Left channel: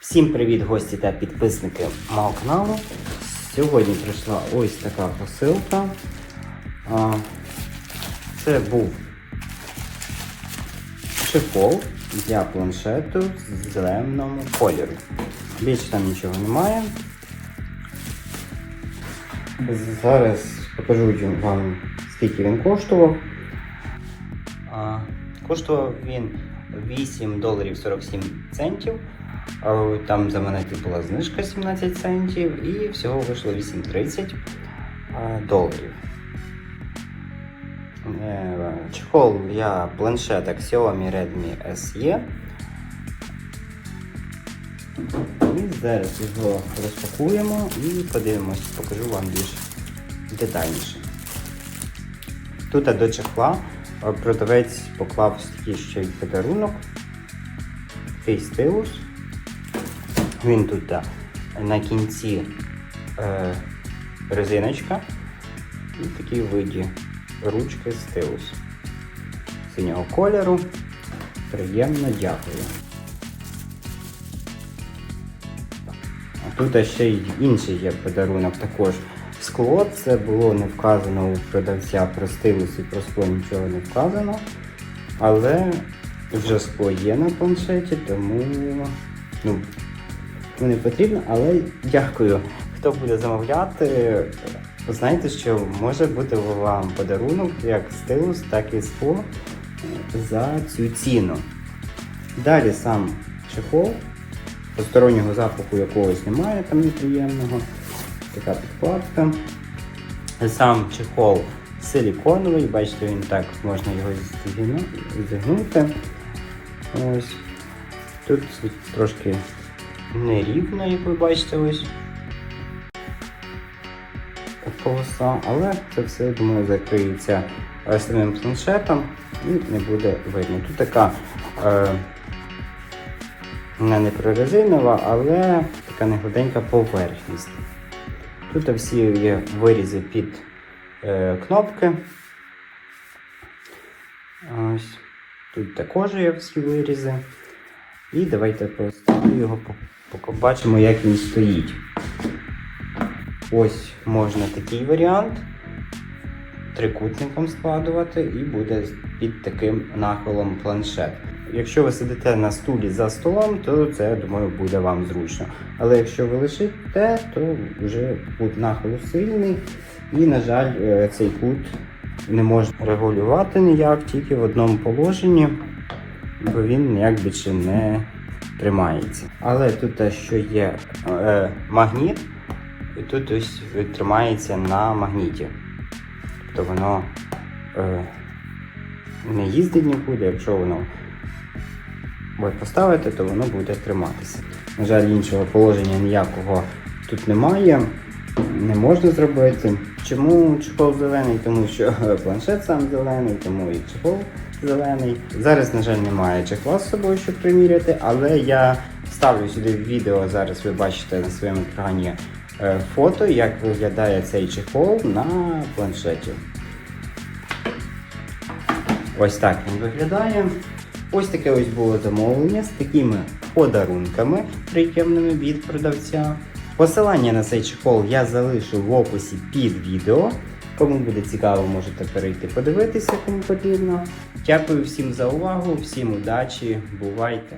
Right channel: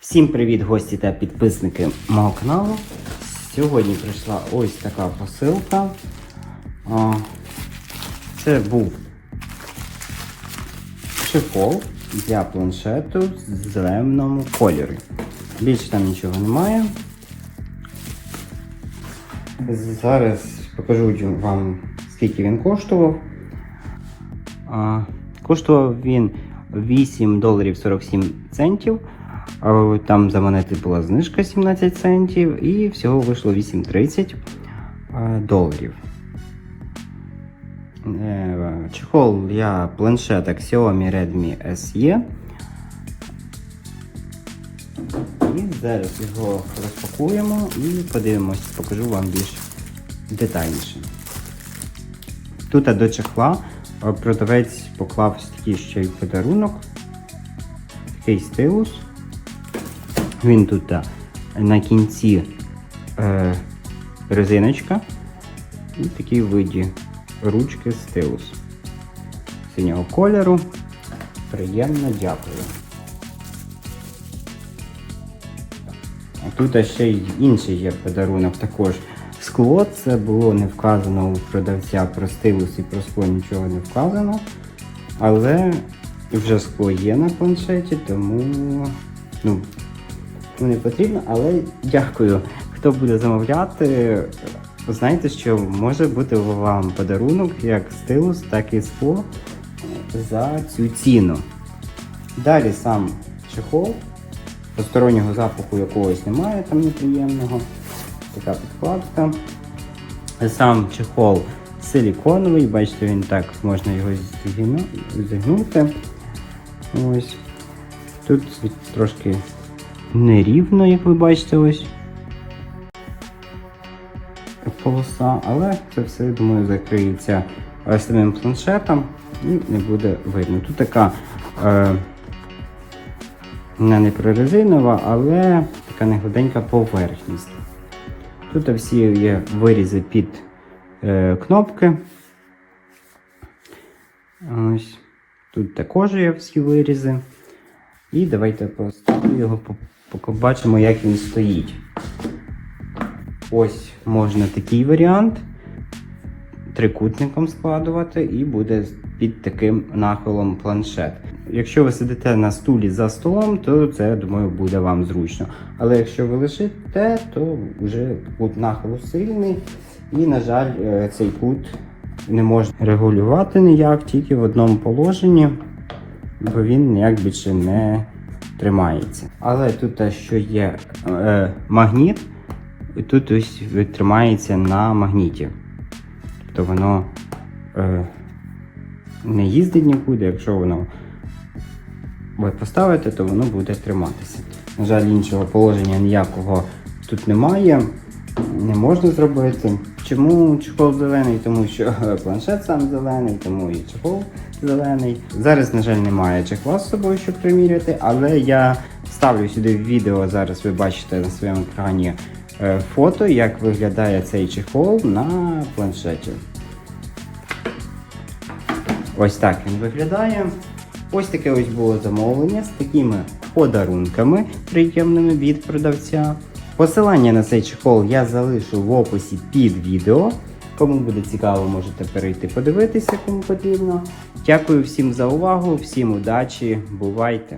Всім привіт, гості та підписники мого каналу. Сьогодні прийшла ось така посилка. Це був чехол для планшету з зеленого кольору. Більше там нічого немає. Зараз покажу вам, скільки він коштував. Коштував він 8 доларів 47 центів. Там за монети була знижка 17 центів і всього вийшло 8,30 е, доларів. Е, Чехол для планшеток Xiaomi Redmi SE. І зараз його розпакуємо і подивимось, покажу вам більш детальніше. Тут до чехла продавець поклав такий ще й подарунок. Такий стилус. Він тут на кінці е, резиночка і такі виді ручки стилус. Синього кольору. Приємно дякую. А тут ще й інший є подарунок також. Скло, це було не вказано у продавця про стилус і про скло нічого не вказано. Але вже скло є на планшеті, тому ну, не потрібно, але дякую. Хто буде замовляти, знаєте, що може бути вам подарунок як стилус, так і скло за цю ціну. Далі сам чехол, постороннього запаху якогось немає там неприємного. Така підкладка. Сам чехол силіконовий, бачите, він так можна його зігнути. Ось. Тут трошки нерівно, як ви бачите, ось полоса, але це все, думаю, закриється самим планшетом і не буде видно. Тут така е, не прорезинова, але така негладенька поверхність. Тут всі є вирізи під е, кнопки. Ось. Тут також є всі вирізи. І давайте просто його побачимо, як він стоїть. Ось можна такий варіант трикутником складувати і буде під таким нахилом планшет. Якщо ви сидите на стулі за столом, то це, я думаю, буде вам зручно. Але якщо ви лишите, то вже кут нахилу сильний і, на жаль, е, цей кут не можна регулювати ніяк, тільки в одному положенні, бо він ніяк більше не тримається. Але тут що є е, магніт, і тут ось тримається на магніті. Тобто воно е, не їздить нікуди, якщо воно ви поставите, то воно буде триматися. На жаль, іншого положення ніякого тут немає. Не можна зробити. Чому чехол зелений? Тому що планшет сам зелений, тому і чехол зелений. Зараз, на жаль, немає чехла з собою, щоб приміряти, але я ставлю сюди відео, зараз ви бачите на своєму екрані е, фото, як виглядає цей чехол на планшеті. Ось так він виглядає. Ось таке ось було замовлення з такими подарунками приємними від продавця. Посилання на цей чехол я залишу в описі під відео. Кому буде цікаво, можете перейти подивитися, кому потрібно. Дякую всім за увагу, всім удачі, бувайте!